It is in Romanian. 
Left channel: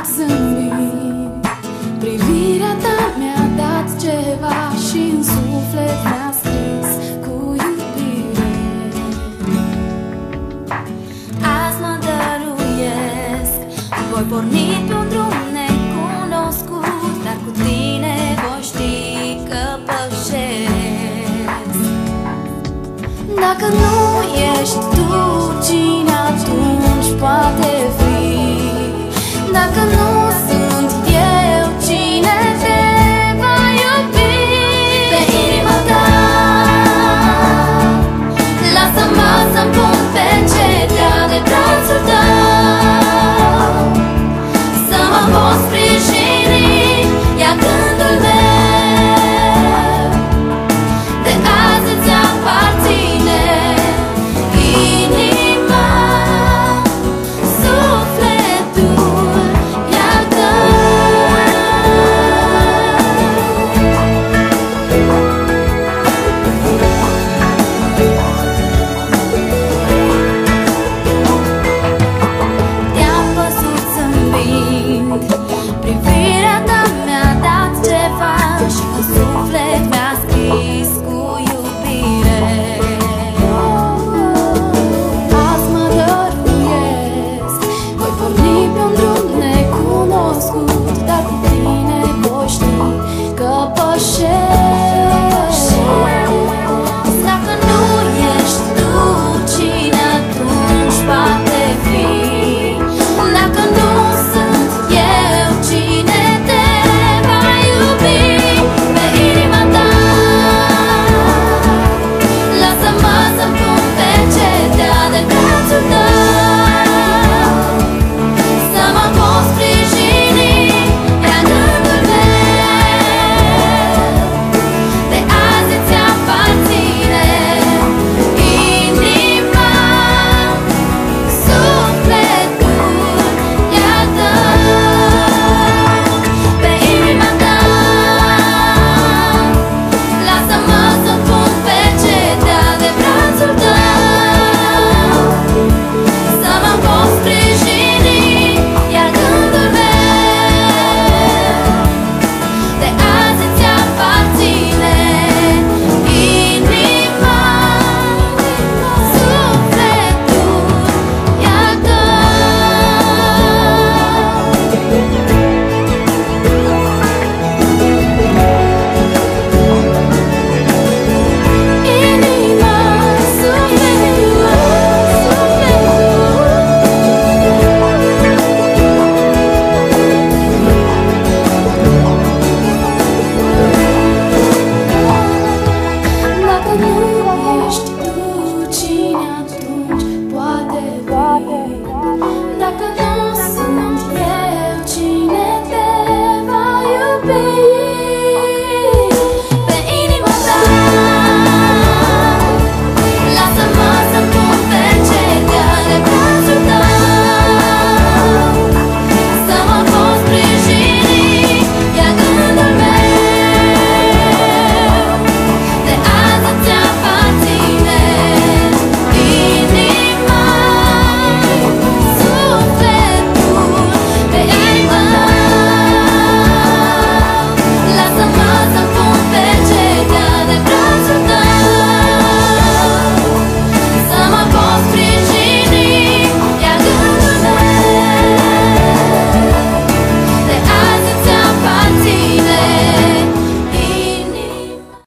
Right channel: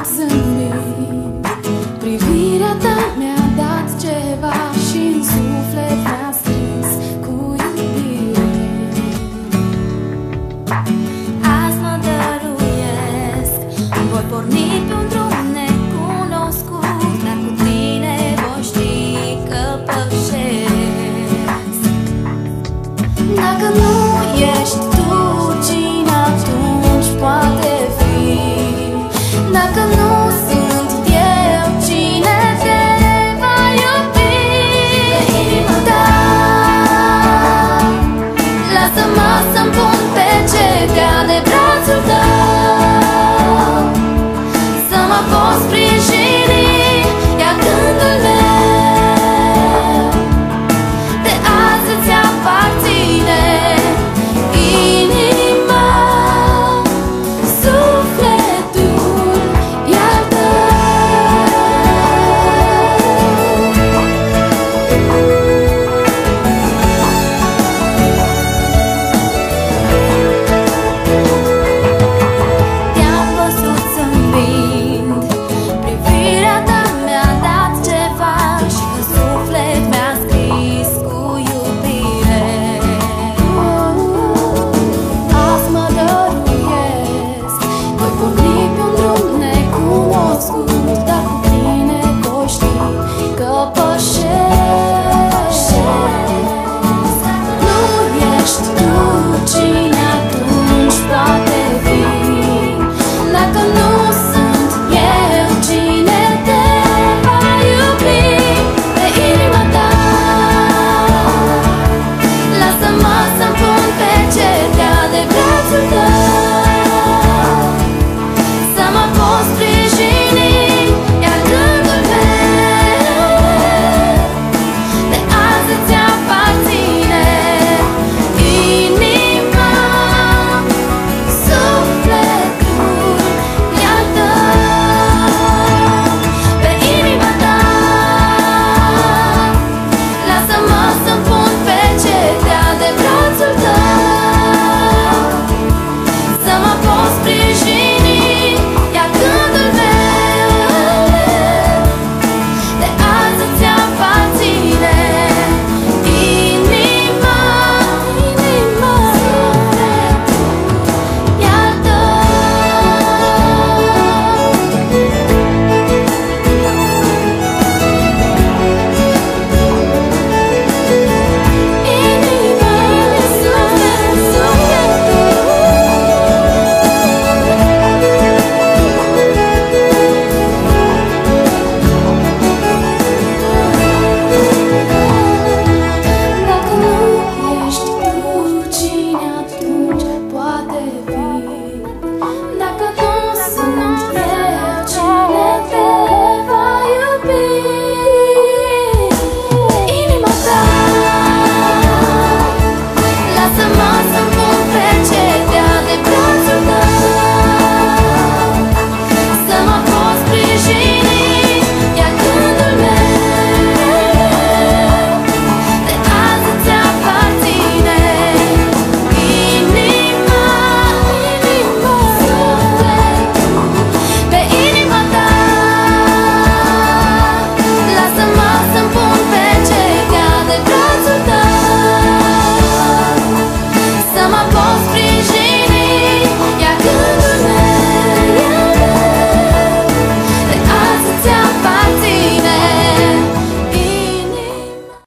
trecut zâmbind. Privirea ta mi-a dat ceva și în suflet mi-a scris cu iubire. Azi mă dăruiesc, voi porni pe un drum necunoscut, dar cu tine voi ști că pășesc. Dacă nu ești tu, cine atunci poate fi? Dacă nu sunt eu, cine te va iubi? Pe inima ta, lasă-mă să-mi pun pe cetea de brațul tău, să mă poți sprijini, ia gândul meu. De azi îți aparține inima, sufletul e al tău. te-am văzut zâmbind, privirea ta mi-a dat ceva și în suflet mi-a scris cu iubire. Azi mă dăruiesc, voi porni pe un drum necunoscut, dar cu tine voi ști că pășesc.